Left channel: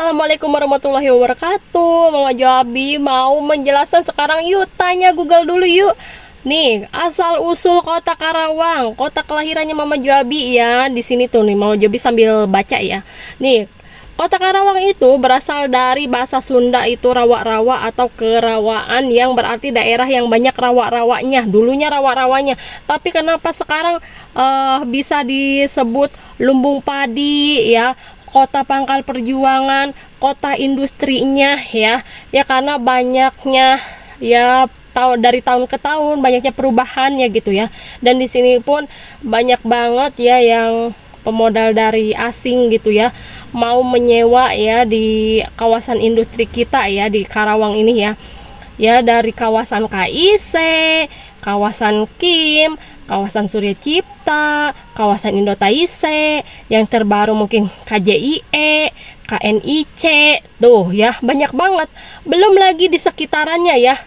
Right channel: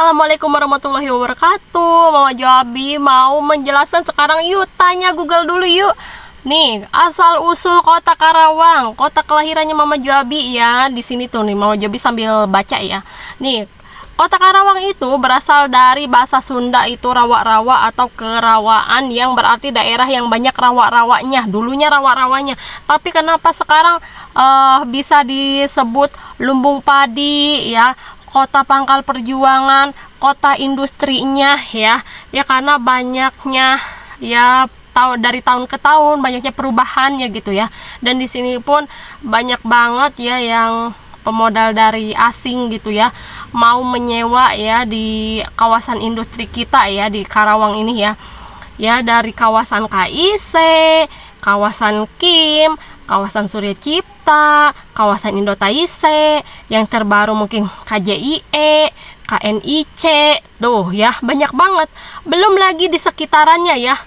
Assalamualaikum warahmatullahi wabarakatuh. Mama Joabi mau menjelaskan sekarang. Yuk tanya Google dulu yuk. Nih, asal usul kota Karawang, kota kelahirannya Mama Joabi ya. Di sini tuh nih Mama Joabi sambil baca ya. Nih, kota Karawang itu berasal dari bahasa Sunda itu rawa-rawa atau kerawaan, yang berarti daerah yang banyak rawa-rawanya. Dulunya rawa-rawanya. Tapi kenapa sekarang bisa disebut lumbung padi ya? Kota pangkal perjuangan, kota industrinya ya karena banyaknya ya dari tahun ke tahun banyaknya perubahannya gitu ya. Dan di sini pun banyak banget ya yang pemodal dari asing gitu ya, mau menyewa ya di kawasan industri kita ya di Karawang ini ya dari kawasan KIC, kawasan KIM, kawasan Surya Cipta, kawasan Indotaise, yang terbaru mungkin KJIE, KNIC, tuh ya banyak banget. Belum lagi di sekitarannya ya,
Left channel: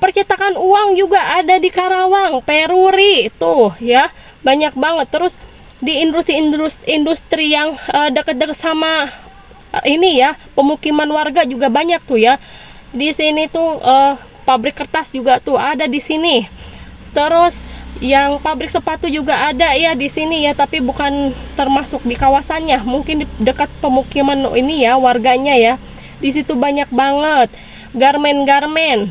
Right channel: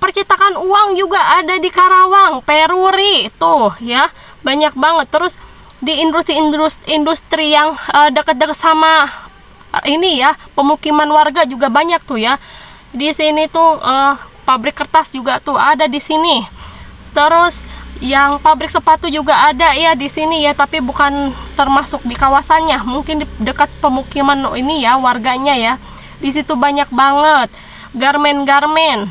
percetakan uang juga ada di Karawang, Peruri, tuh ya banyak banget. Terus di industri yang dekat-dekat sama ini ya, pemukiman warga juga banyak tuh ya. Di sini tuh pabrik kertas juga tuh ada di sini. Terus yang pabrik sepatu juga ada ya di sini ya, tapi bukan termasuk di kawasannya, mungkin di dekat pemukiman ini ya warganya ya. Di situ banyak banget garmen-garmen.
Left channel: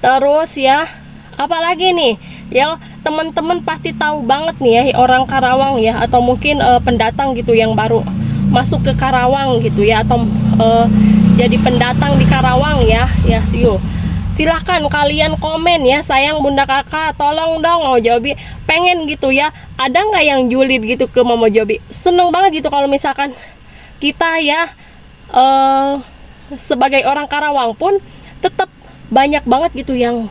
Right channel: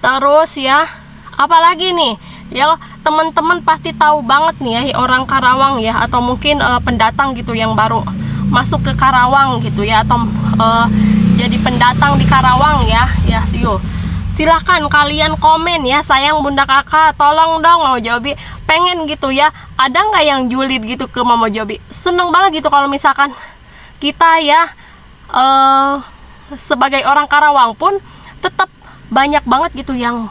Terus ya, apalagi nih ya, teman-teman pasti tahu banget nih ya orang Karawang ya, atau mungkin pendatang gitu yang baru masuk ke Karawang gitu ya, atau jadi pendatang di Karawang ya yuk. Silahkan kalian komen ya, sayang bunda kakak, tolong dong Mama Joabi pengen gitu ya, ada nggak yang julid gitu ke Mama Joabi. Seneng banget gitu kalau misalkan kita ya sebagai orang Karawang pun tetap banyak banget gitu yang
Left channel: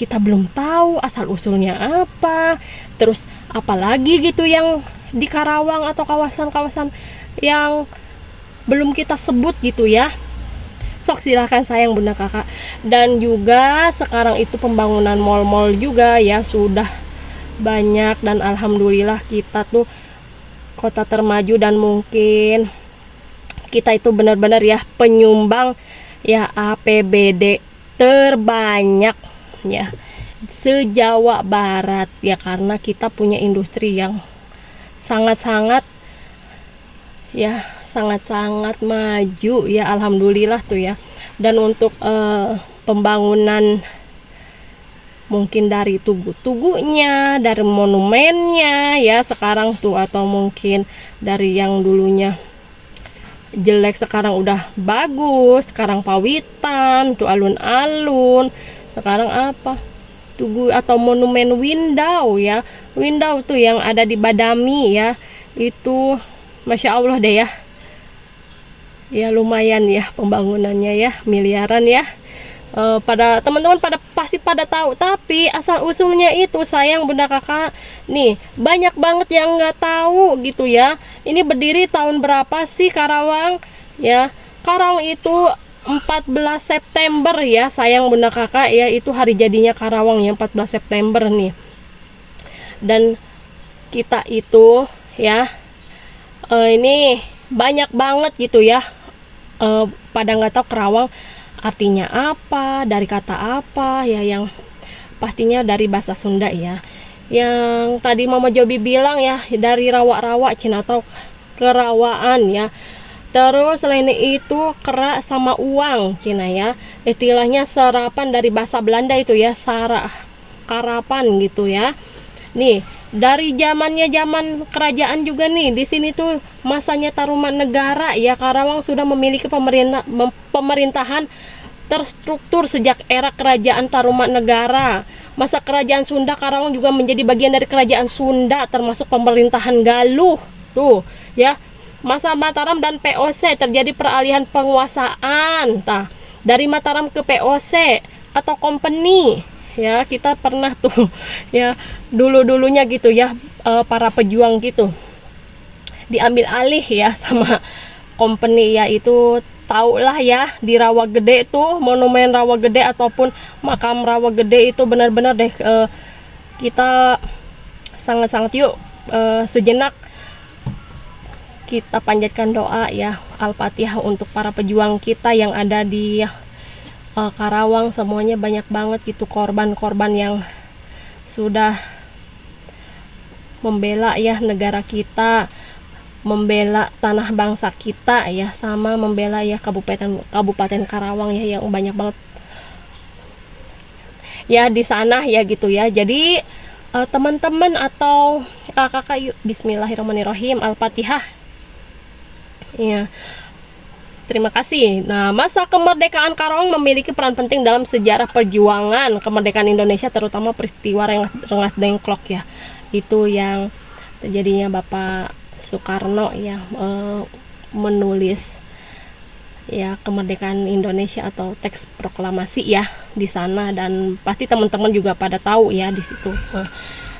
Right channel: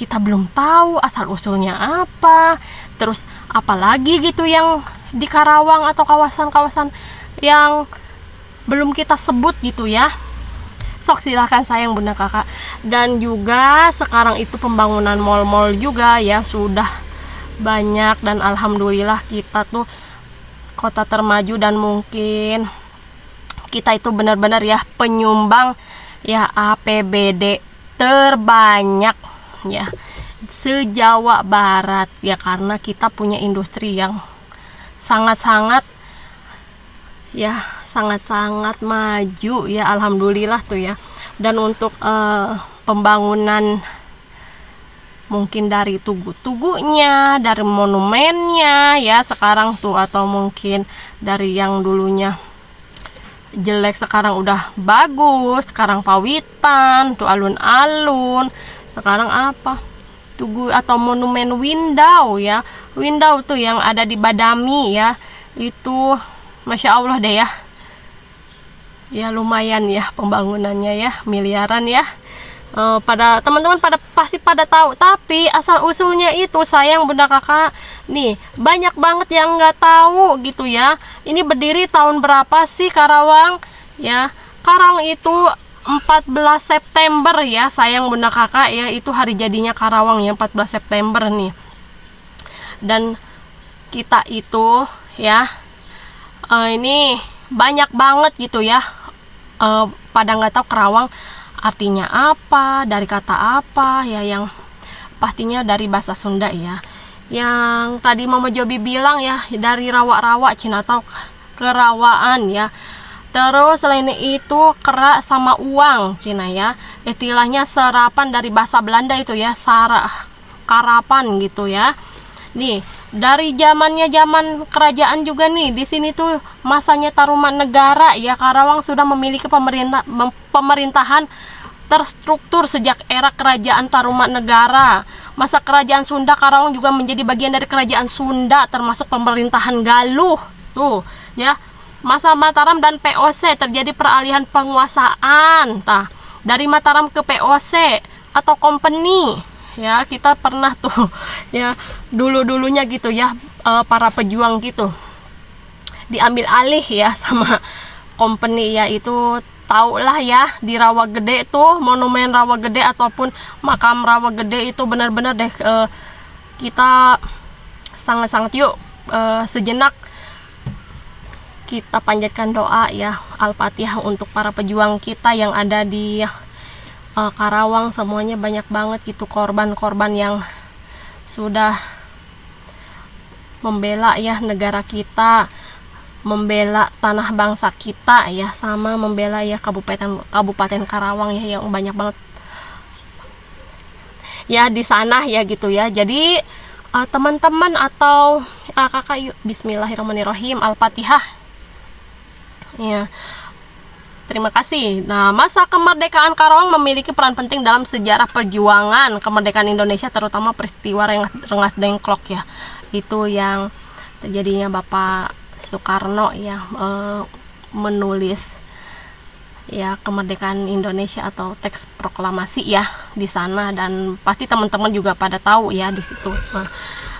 kita belum tahu asal usulnya apa. Terus apalagi gitu yang di Karawang atau kawasan-kawasan yang belum kita sebut gitu ya. Sok silahkan sayang bunda kakak. Dan juga sekarang itu pembangunan mal-mal juga ya sudah banyak, dan alhamdulillah kita tuh kota termaju, dan mungkin kita itu benar-benar ya penyumbang ya APBD terbanyak ya se-Jawa Barat ya, karena kita punya industri yang sangat-sangat maju ya, alhamdulillah tuh ya. Dan untuk pembangunan mungkin dari tugu-tugunya, dari monumennya ya sekarang tuh, atau mungkin dari yang dulunya jelek sekarang udah bagus. Sekarang Pawitan tuh alun-alun, sekarang apa tugu atau monumen Windau ya, Windau tuh yang ada di Badami ya, itu Masya Allah deh ya lumayan ya pembangunannya ya, miliaran ya. Pada teman-teman pasti pada tahu, tapi asal usulnya itu sayang bunda kakak nih banyak banget yang nggak tahu gitu ya. Ini berdiri tahun berapa sih Karawang ya? Karawang itu 14 September ya sayang bunda kakak ya, itu hari jadinya Karawang ya 14 September nih. Dan kita itu ya ini banyak banget gitu ya, pada nggak tahu Karawang artinya apa, dari kata apa ya, yang pastinya dari bahasa Sunda ya. Yang tadi Mama Joabi bilang ya dari rawa-rawa Cina atau kerawaan ya. Terus selain itu kera sama uang Cina ya, istilahnya serapan dari bahasa Belanda itu ya, karapan gitu ya. Nih dari zaman kerajaan juga nih, di sini tuh masanya Tarumanegara ya, Karawang sudah memiliki pemerintahan terstruktur sejak era kerajaan Tarumanegara. Masa kerajaan Sunda, Karawang juga menjadi bagian dari kerajaan Sunda, termasuk pemerintahan Galuh tuh ya. Masa Mataram dan POC terjadi peralihan penguasaan dari Mataram ke POC atau company ya. Kita pernah tuh ya dulunya gitu ya, para pejuang gitu diambil alih ya sama company ya. Itu tau lah ya, di Rawa Gede tuh, monumen Rawa Gede ataupun makam Rawa Gede itu benar-benar deh kita sangat-sangat yuk sejenak kita panjatkan doa ya Al-Fatihah untuk para pejuang kita yang ada di Karawang. Semuanya banyak banget gitu korban-korban yang sudah membela ya negara kita, membela tanah bangsa kita ya, sama membela ya Kabupaten Karawang ya, yang banyak banget ya di sana ya gitu ya. Jadi teman-teman atau kakak, yuk bismillahirrahmanirrahim, Al-Fatihah ya. Terima kasih. Nah, masa kemerdekaan Karawang memiliki peran penting dalam sejarah perjuangan kemerdekaan Indonesia, terutama peristiwa Rengas Dengklok ya. Itu yang terjadinya Bapak Soekarno ya, menulis ya kemerdekaan Indonesia atau teks proklamasi ya di sana, dan pasti teman-teman juga pada tahu ya di situ.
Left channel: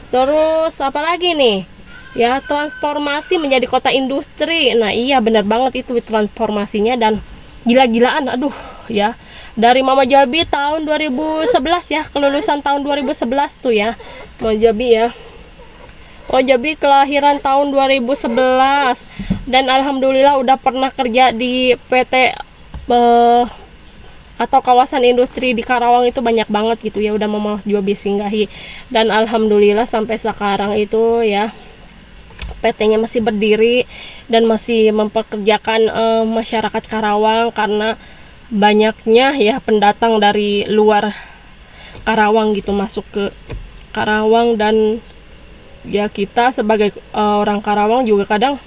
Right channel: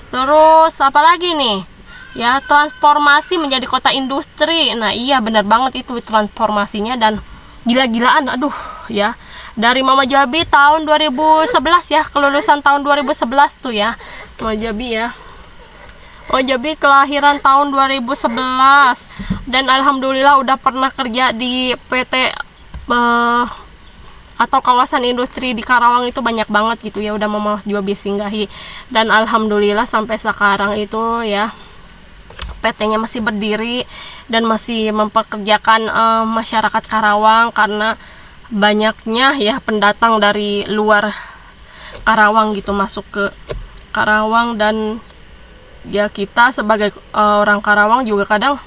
Terus apalagi nih? Ya, transformasi menjadi kota industri. Nah iya benar banget itu transformasinya, dan gila-gilaan aduh ya. Dari Mama Jabi tahun 2011 ya, kelulusan tahun 2011 tuh ya Mama Jabi ya. Oh Jabi kelahiran tahun 2011, dan alhamdulillah udah pernah kerja di PT atau kawasan industri di Karawang itu banyak banget gitu ya, udah Mama Jabi singgahi, dan alhamdulillah sampai sekarang itu ya PT-nya masih berdiri dan masih memperkerjakan masyarakat Karawang, karena banyaknya ya pendatang dari luar Karawang gitu masuk ke Karawang. Dan ya kita sebagai orang Karawang juga kadang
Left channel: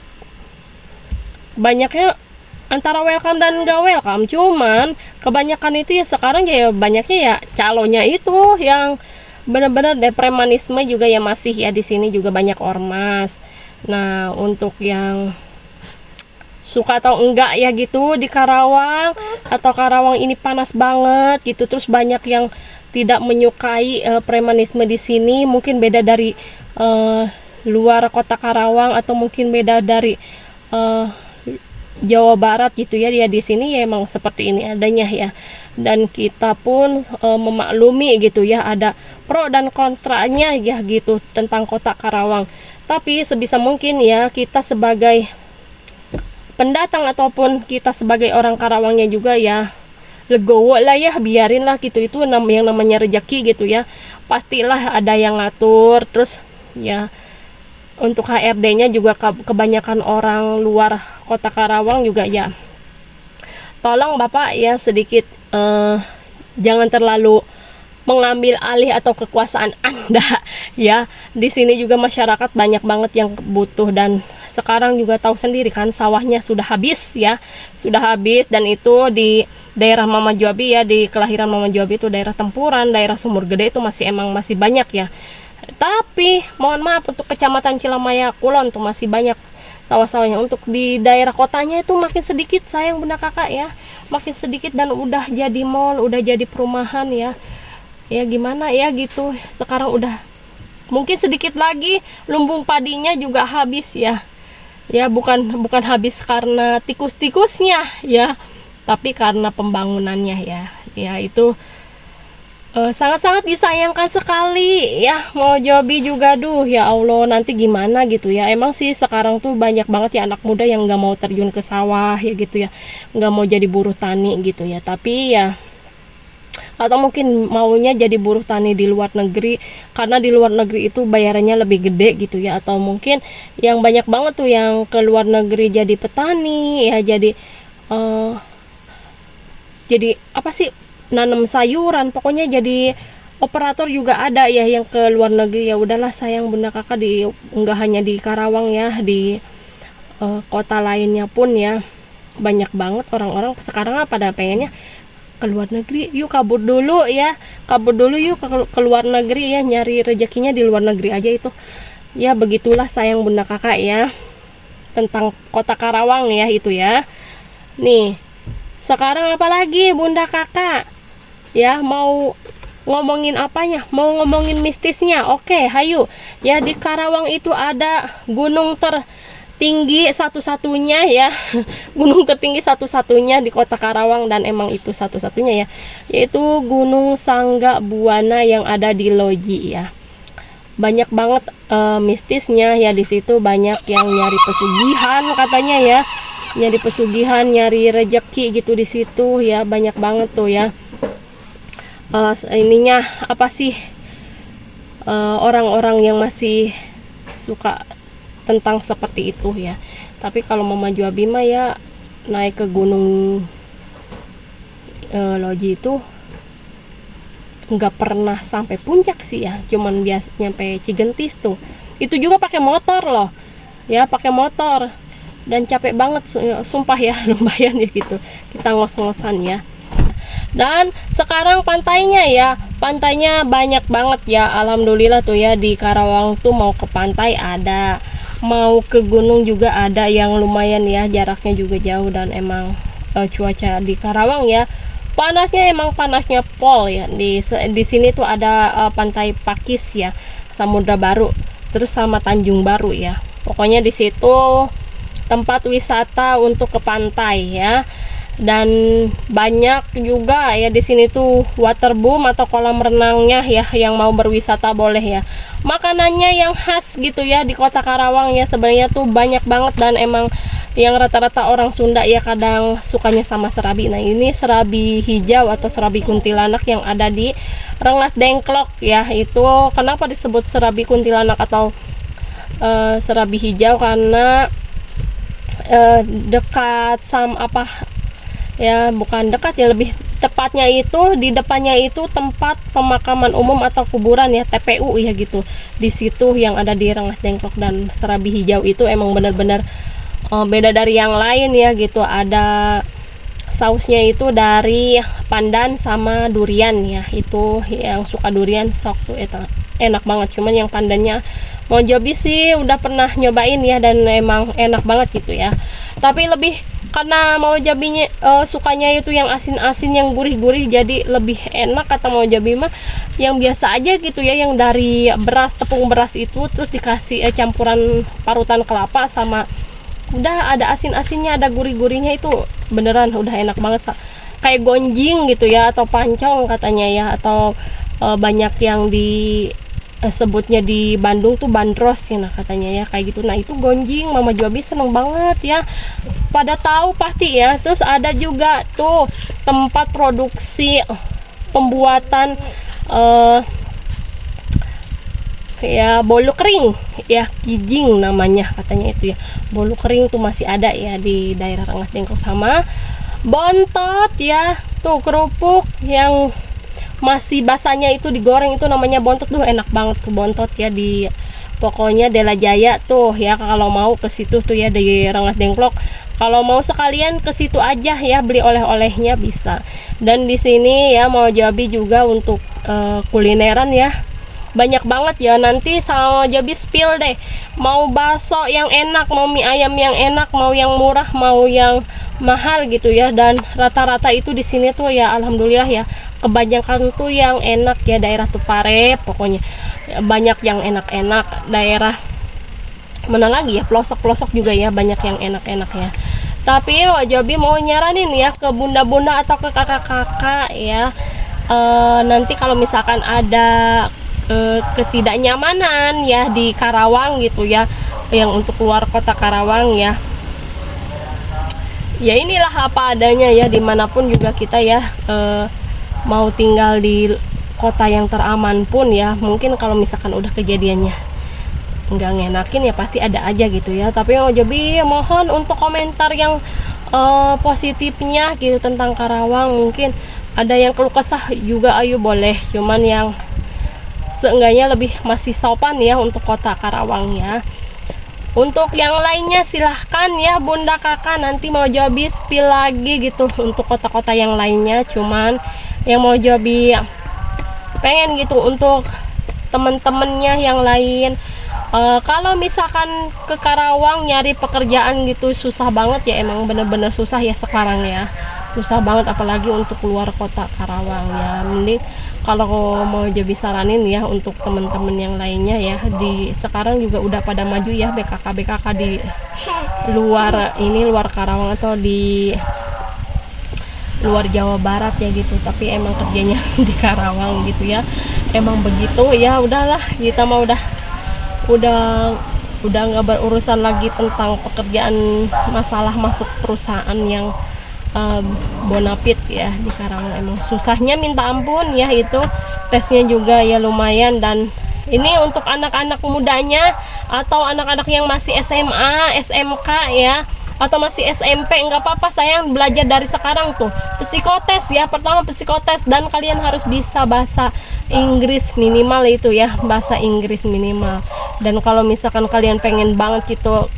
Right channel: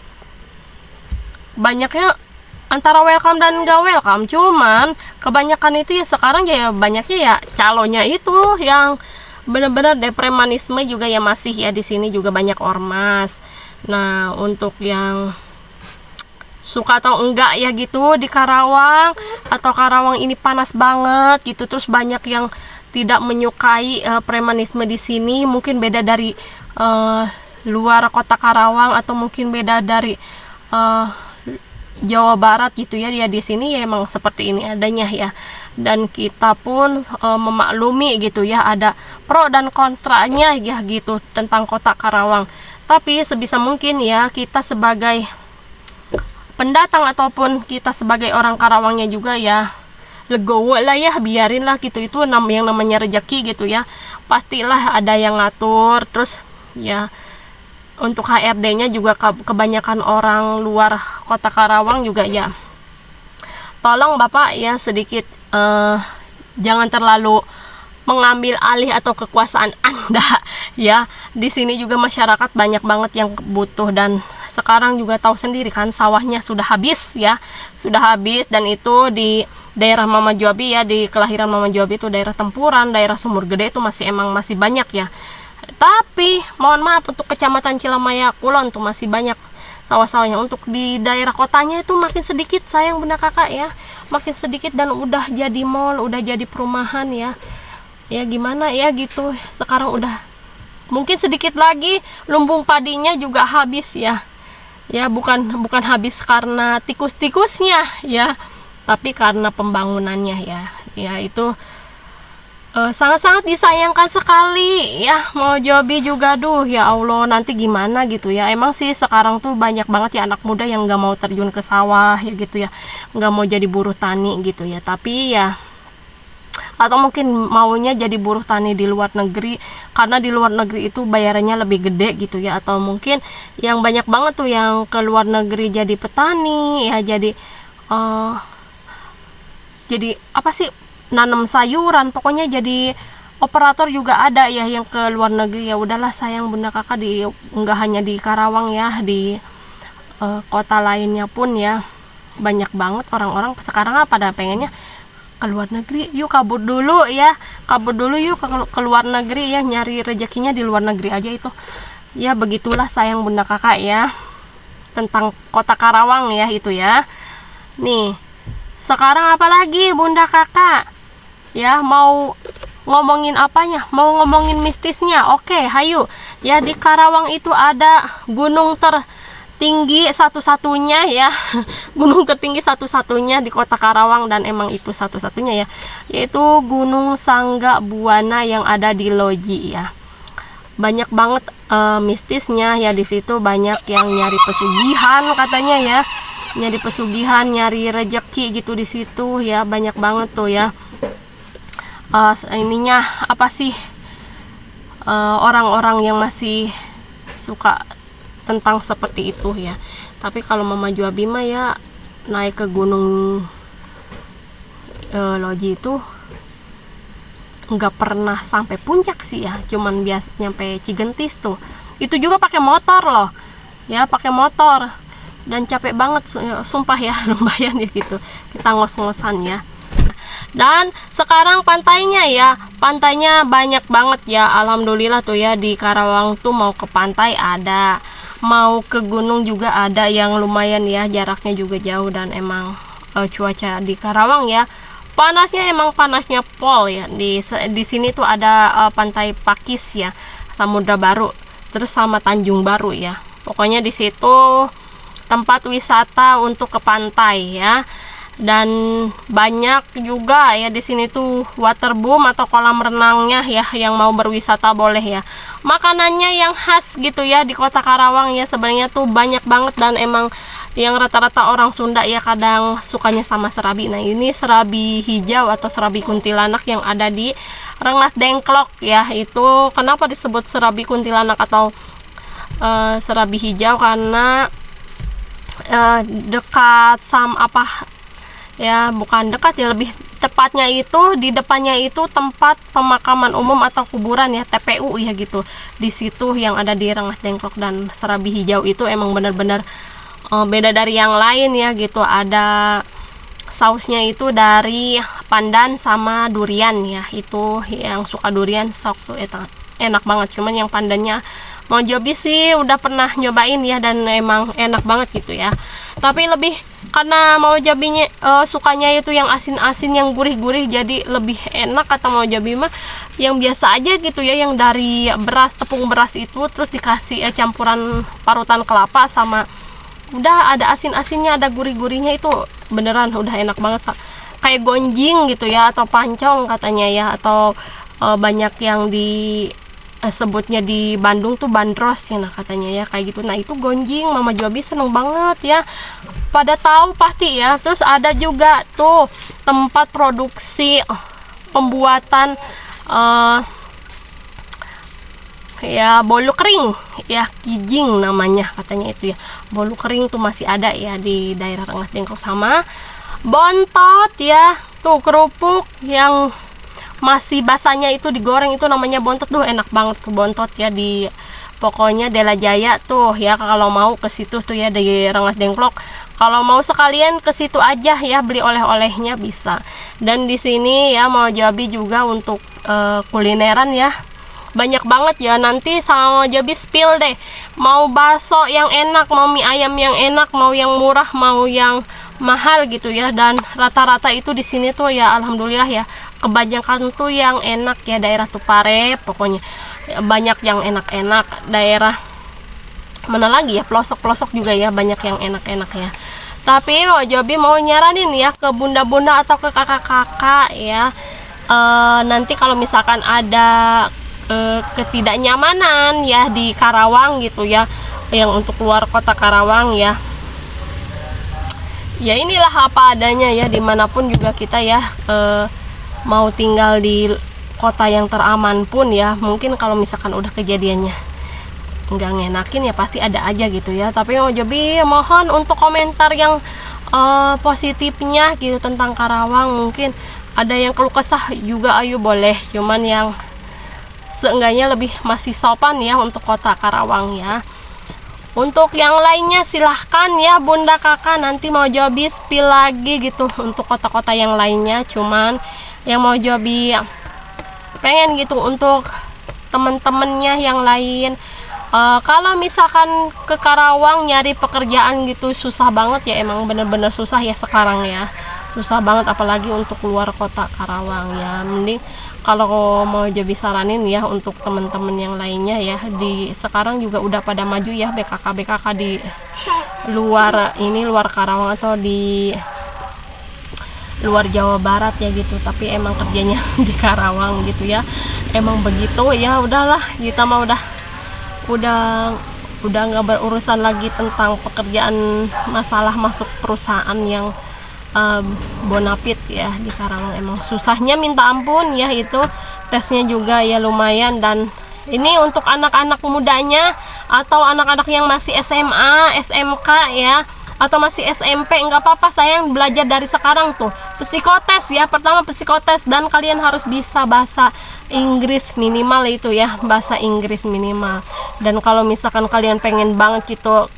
banyaknya antara welcome dan gak welcome, cuman kebanyakan itu ya sekarang ya banyaknya ya calonnya itu yang benar-benar depremanisme juga ya masih ya di sini juga banyak ormas. Nah, untuk yang suka atau enggak ya gitu di Karawang, atau Karawang ini panas banget gitu, terus banyak yang tidak menyukai premanisme di sini, mungkin beda dari luar kota Karawang, atau mungkin beda dari Jawa Barat gitu ya. Dia di sini ya emang seperti ini adanya ya. Dan kita pun memaklumi gitu ya, ada pro dan kontranya ya gitu tentang kota Karawang. Tapi sebisa mungkin ya kita sebagai pendatang ataupun kita sebagai orang Karawangnya juga ya legowo lah ya, biarin lah gitu, itu yang namanya rezeki gitu ya, pastilah ada yang ngatur. Terus ya untuk HRD-nya juga kebanyakan orang luar kota Karawang juga ya, tolong Bapak ya sedikit jangan terlalu mengambil alih atau kekuasaan Anda ya. Di sini juga masyarakat banyak banget yang butuh, dan sekarang juga tahu sendiri kan sawahnya sudah habis ya, sudah habis. Dan itu di daerah Mama Jabi ya, di kelahiran Mama Jabi itu daerah Tempuran, daerah Sumur Gede itu masih banyak ya. Tapi mohon maaf untuk kecamatan Cilamaya Kulon tuh masih banyak sawah-sawahnya. Untuk di daerah kotanya itu makin sedikit, sayang Bunda Kakak ya, makin sedikit, dan udah jadi mall, udah jadi perumahan ya. Ya gimana ya gitu, sekarang udah mungkin sedikit lagi lumbung padinya juga habis ya. Ya bukan habis karena tikus-tikusnya ya, tapi karena pembangunannya ya. Ya itu sangat-sangat disayangkan sekali ya. Mau Jabi juga duh ya Allah, nanti gimana gitu ya. Emang sih sekarang tuh banyak banget ya anak muda yang nggak mau terjun ke sawah ya gitu ya, nggak mau jadi buruh tani gitu ya. Tapi ya, atau mungkin maunya jadi buruh tani di luar negeri, karena di luar negeri itu bayarannya lebih gede gitu ya. Atau mungkin yang banyak banget tuh yang ke luar negeri jadi petani ya, jadi apa sih, nanam sayuran, pokoknya jadi operator juga ada ya yang ke luar negeri. Ya udahlah sayang Bunda Kakak, nggak hanya di Karawang ya, di kota lainnya pun ya banyak banget orang-orang sekarang pada pengennya ke luar negeri. Yuk kabur dulu ya, kabur dulu yuk ke luar negeri ya, nyari rezekinya di luar negeri aja itu ya. Begitulah sayang Bunda Kakak ya tentang kota Karawang ya itu ya. Nih sekarang apalagi Bunda Kakak ya, mau ngomongin apanya, mau ngomongin mistisnya. Oke hayu ya, di Karawang itu ada gunung tinggi satu-satunya ya, gunung tertinggi satu-satunya di kota Karawang, dan emang itu satu-satunya ya, yaitu Gunung Sangga Buana yang ada di Loji ya. banyak banget mistisnya ya. Di situ banyak yang nyari pesugihan katanya ya, nyari pesugihan, nyari rejeki gitu di situ ya, banyak banget tuh ya. Ininya apa sih, orang-orang yang masih suka tentang seperti itu ya. Tapi kalau Mama Juabi mah ya naik ke gunung Loji itu nggak pernah sampai puncak sih ya, cuman biasa nyampe Cigentis tuh. Itu juga pakai motor loh ya, pakai motor, dan capek banget sumpah ya, lumayan ya gitu kita ngos-ngosan ya. Dan sekarang pantainya ya, pantainya banyak banget ya, alhamdulillah tuh ya. Di Karawang tuh mau ke pantai ada, mau ke gunung juga ada, yang lumayan ya, jaraknya juga jauh. Dan emang cuaca di Karawang ya panasnya, emang panasnya pol ya. Di sini tuh ada pantai Pakis ya, Samudra Baru, terus sama Tanjung Baru ya. Pokoknya di situ tempat wisata untuk ke pantai ya. Dan banyak juga ya di sini tuh waterboom atau kolam renangnya ya, yang mau berwisata boleh ya. Makanannya yang khas gitu ya di Kota Karawang ya, sebenarnya tuh banyak banget. Dan emang yang rata-rata orang Sunda ya kadang sukanya sama serabi. Nah ini serabi hijau atau serabi kuntilanak yang ada di Rengas Dengklok ya. Itu kenapa disebut serabi kuntilanak atau serabi hijau, karena dekat apa ya, bukan dekat ya, lebih tepatnya itu di depannya itu tempat pemakaman umum atau kuburan ya, TPU ya gitu. Di situ yang ada di Rengas Dengklok. Dan serabi hijau itu emang bener-bener beda dari yang lain ya gitu. Ada sausnya itu dari pandan sama durian ya. Itu yang suka durian sok tuh enak banget. Cuman yang pandannya Mau Jobi sih udah pernah nyobain ya, dan emang enak banget gitu ya. Tapi lebih karena Mau Jobinya sukanya itu yang asin-asin, yang gurih-gurih, jadi lebih enak kata Mau Jobi mah yang biasa aja gitu ya, yang dari beras, tepung beras itu terus dikasih campuran parutan kelapa sama udah ada asin-asinnya, ada gurih-gurihnya, itu beneran udah enak banget, kayak gonjing gitu ya, atau pancong katanya ya, atau banyak yang sebutnya di Bandung tuh bandros ya, nah katanya ya kayak gitu. Nah itu gonjing, Mama Jobi seneng banget ya, pada tahu pasti ya. Terus ada juga tuh tempat produksi pembuatan ya bolu kering ya, kijing namanya katanya itu ya. Bolu kering tuh masih ada ya di daerah Rengas Dengklok. Sama bontot ya, tuh kerupuk yang masih basahnya itu digoreng, itu namanya bontot tuh, enak banget tuh bontot ya. Di pokoknya Dela Jaya tuh ya, kalau mau ke situ tuh ya di Rengas Dengklok. Kalau mau sekalian ke situ aja ya, beli oleh-olehnya bisa. Dan di sini ya Mau Jobi juga untuk kulineran ya banyak banget ya. Nanti sama Mau Jobi spill deh, mau bakso yang enak, mau mie ayam yang enak, mau yang murah, mau yang mahal gitu ya. Dan rata-rata itu di sini tuh ya alhamdulillah ya, kebanyakan tuh yang enak ya, daerah Tupare pokoknya ya, banyak yang enak-enak. Daerah mana lagi ya, pelosok-pelosok juga ya banyak yang enak-enak ya. Tapi Mau Jobi mau nyaranin ya ke bunda-bunda atau ke kakak-kakak ya, nanti kalau misalkan ada ketidaknyamanan ya di Karawang gitu ya, yang untuk luar kota Karawang ya, ya inilah apa adanya ya, dimanapun juga kita ya mau tinggal di kota yang teraman pun ya, mungkin kalau misalkan udah kejadiannya nggak ngenakin ya pasti ada aja gitu ya. Tapi Mau Jobi mohon untuk komentar yang positifnya gitu tentang Karawang. Mungkin ada yang keluh kesah juga, ayo boleh, cuman yang seenggaknya lebih masih sopan ya untuk kota Karawang ya. Untuk yang lainnya silahkan ya bunda kakak, nanti Mau Jobi spill lagi gitu untuk kota-kota yang lainnya. Cuman yang Mau Jobi pengen gitu untuk temen-temennya yang lain, kalau misalkan ke Karawang nyari pekerjaan gitu susah banget ya, emang bener-bener susah ya sekarang ya, susah banget apalagi untuk keluar kota Karawang ya. Mending kalau Mau Jobi saranin ya untuk temen-temen yang lainnya ya, di sekarang juga udah pada maju ya BKK di luar Karawang atau di luar Jawa Barat ya gitu, tapi emang kerjanya di Karawang gitu ya. Emang begitu ya, udahlah kita mah udah nggak berurusan lagi tentang pekerjaan, masalah masuk perusahaan yang bonafit ya di Karawang. Emang susahnya minta ampun ya, itu tesnya juga ya lumayan. Dan ini untuk anak-anak mudanya atau anak-anak yang masih SMA, SMK ya, atau masih SMP, nggak apa-apa sayang, belajar dari sekarang tuh psikotes ya. Pertama psikotes, dan kalian harus bisa bahasa Inggris minimal itu ya, bahasa Inggris minimal. Dan kalau misalkan kalian pengen banget gitu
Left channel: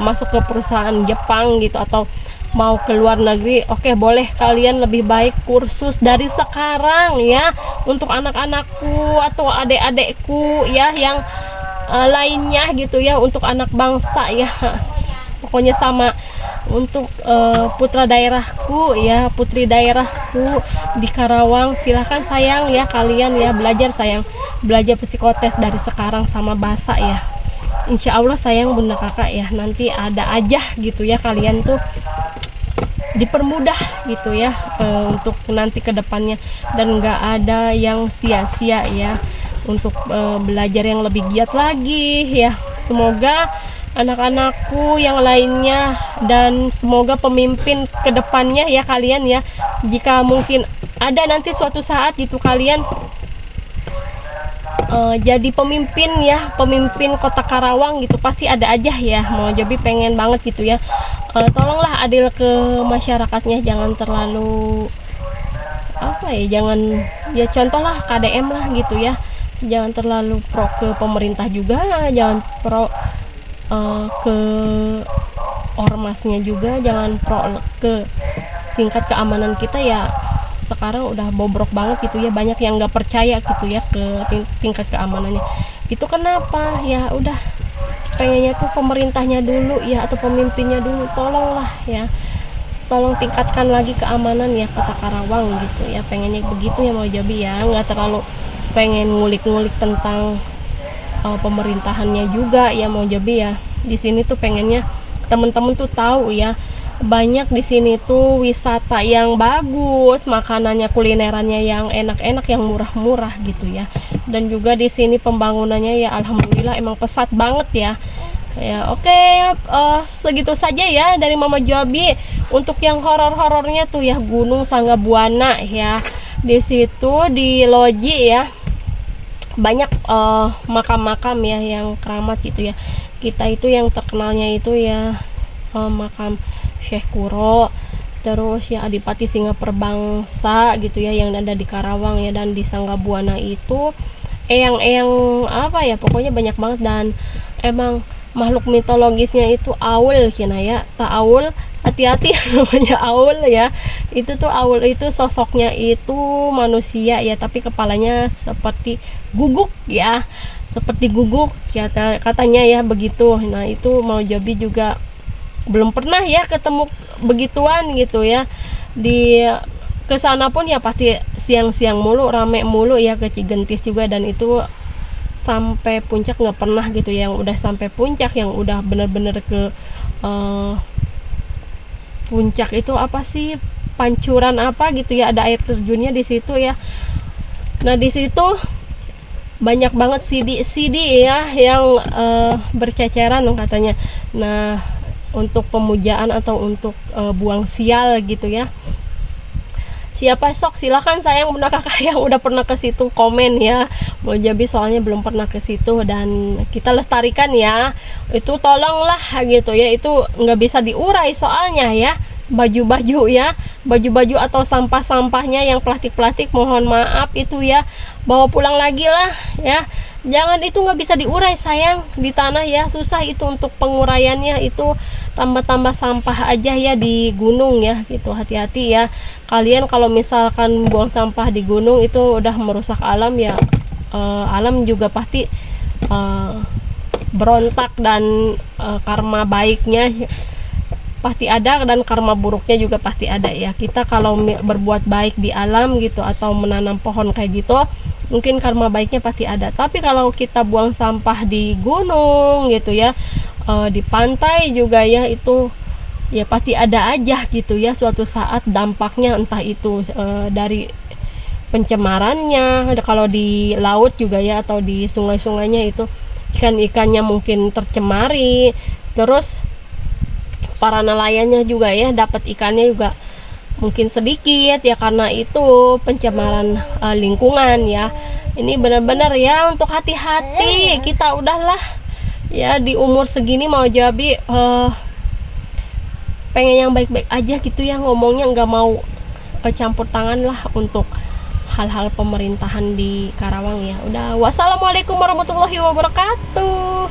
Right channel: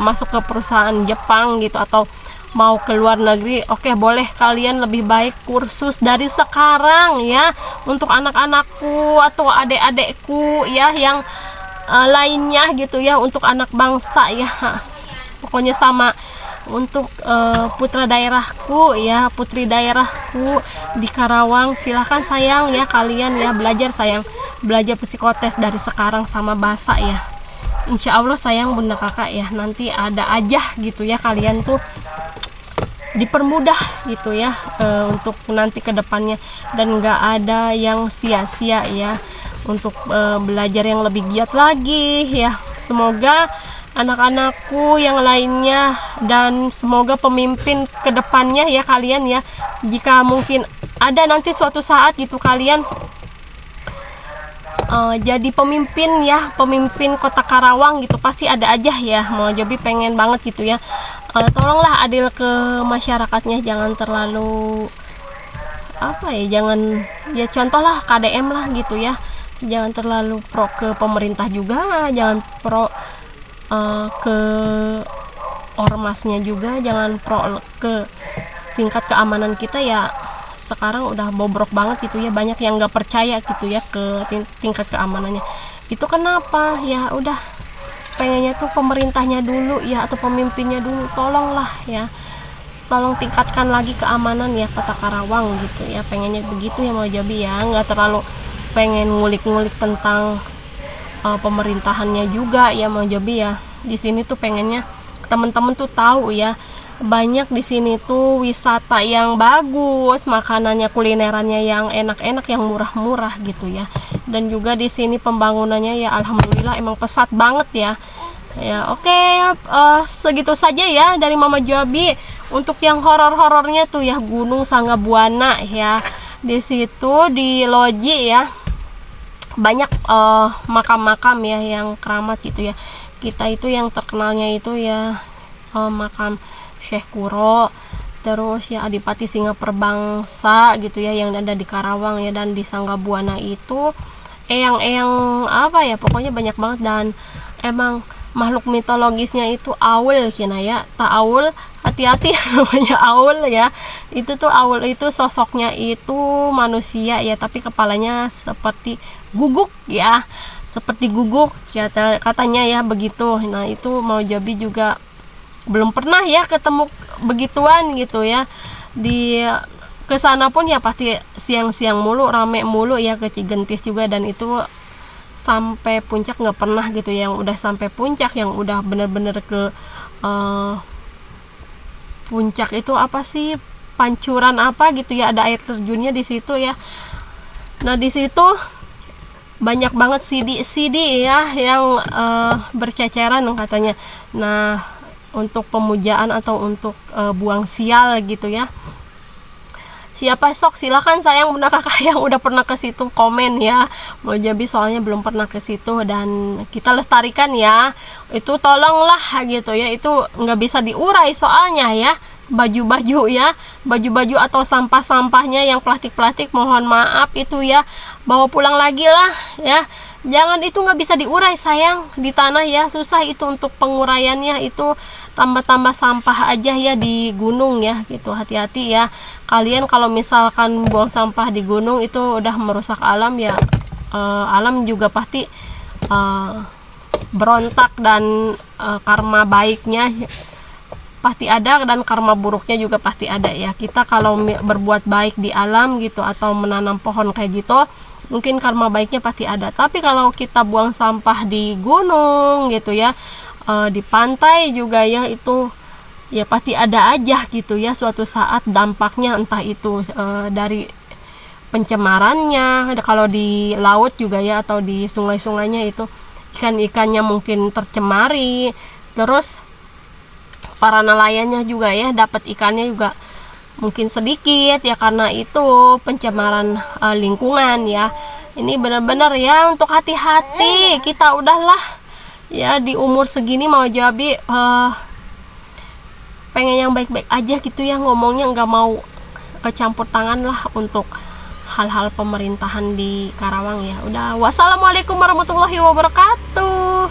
masuk ke perusahaan Jepang gitu, atau mau ke luar negeri, oke, boleh kalian lebih baik kursus dari sekarang ya, untuk anak-anakku atau adik-adikku ya yang lainnya gitu ya, untuk anak bangsa ya. Pokoknya sama untuk putra daerahku ya, putri daerahku di Karawang, silahkan sayang ya kalian ya belajar sayang, belajar psikotes dari sekarang sama bahasa ya. Insya Allah sayang bunda kakak ya, nanti ada aja gitu ya, kalian tuh dipermudah gitu ya untuk nanti ke depannya, dan nggak ada yang sia-sia ya, untuk belajar yang lebih giat lagi ya. Semoga anak-anakku yang lainnya, dan semoga pemimpin ke depannya ya kalian ya, jika mungkin ada nanti suatu saat gitu kalian jadi pemimpin ya, pemimpin kota Karawang gitu, pasti ada aja ya mau jadi pengen banget gitu ya. Tolonglah adil ke masyarakatnya, jangan terlalu apa ya, jangan ya, contohlah KDM lah gitu ya, jangan terlalu pro ke pemerintah juga, jangan pro ke ormasnya juga, jangan pro ke tingkat keamanan kita ya. Sekarang udah bobrok banget gitu ya, banyak yang nggak percaya gitu ya ke tingkat keamanannya. Itu kenapa ya, udah pengennya tuh pemerintahnya dulu ya, atau pemimpinnya dulu, tolonglah ya, tolong tingkatkan lagi keamanan ya kota Karawang gitu ya, pengennya begitu ya mau Jobi ya, nggak terlalu pengen ngulik-ngulik tentang pemerintahannya juga ya mau Jobi ya. Di sini tuh pengennya temen-temen tuh tahu ya, banyak di sini tuh wisata yang bagus, makanannya, kulinerannya yang enak-enak, yang murah-murah gitu ya. Dan juga di sini pembangunannya ya alhamdulillah emang pesat banget ya. Ya oke, segitu saja ya dari Mama Jobi. Untuk yang horor-horornya tuh ya Gunung Sanggabuana ya. Di situ di Loji ya banyak makam-makam ya yang keramat gitu ya. Kita itu yang terkenalnya itu ya makam Syekh Kuro, terus ya Adipati Singaperbangsa gitu ya yang ada di Karawang ya. Dan di Sanggabuana itu eyang-eyang apa ya, pokoknya banyak banget. Dan emang makhluk mitologisnya itu aul cina ya, aul, hati-hati namanya aul ya. Itu tuh aul itu sosoknya itu manusia ya, tapi kepalanya seperti guguk ya, seperti guguk katanya ya begitu. Nah itu mau Jobi juga belum pernah ya ketemu begituan gitu ya. Di kesana pun ya pasti siang-siang mulu, rame mulu ya, ke Cigentis juga. Dan itu sampai puncak nggak pernah gitu, yang udah sampai puncak, yang udah bener-bener ke puncak itu apa sih, pancuran apa gitu ya, ada air terjunnya di situ ya. Nah di situ banyak banget sidi ya yang berceceran katanya. Nah untuk pemujaan atau untuk buang sial gitu ya. Siapa sok silakan sayang bunda kakak yang udah pernah ke situ komen ya. Mau Jobi soalnya belum pernah ke situ, dan kita lestarikan ya. Itu tolonglah gitu ya, itu nggak bisa diurai soalnya ya. Baju-baju ya, baju-baju atau sampah-sampahnya yang plastik-plastik, mohon maaf itu ya, bawa pulang lagi lah ya. Jangan, itu nggak bisa diurai sayang di tanah ya, susah itu untuk penguraiannya, itu tambah-tambah sampah aja ya di gunung ya gitu. Hati-hati ya kalian kalau misalkan buang sampah di gunung, itu udah merusak alam ya. Alam juga pasti berontak, dan karma baiknya pasti ada, dan karma buruknya juga pasti ada ya. Kita kalau berbuat baik di alam gitu, atau menanam pohon kayak gitu, mungkin karma baiknya pasti ada. Tapi kalau kita buang sampah di gunung gitu ya, di pantai juga ya, itu ya pasti ada aja gitu ya suatu saat dampaknya, entah itu dari pencemarannya, kalau di laut juga ya, atau di sungai-sungainya itu ikan-ikannya mungkin tercemari, terus para nelayannya juga ya dapat ikannya juga mungkin sedikit ya, karena itu pencemaran lingkungan ya. Ini benar-benar ya untuk hati-hati kita, udahlah ya di umur segini mau Jabi pengen yang baik-baik aja gitu ya, ngomongnya nggak mau kecampur tangan lah untuk hal-hal pemerintahan di Karawang ya. Udah, wassalamualaikum warahmatullahi wabarakatuh.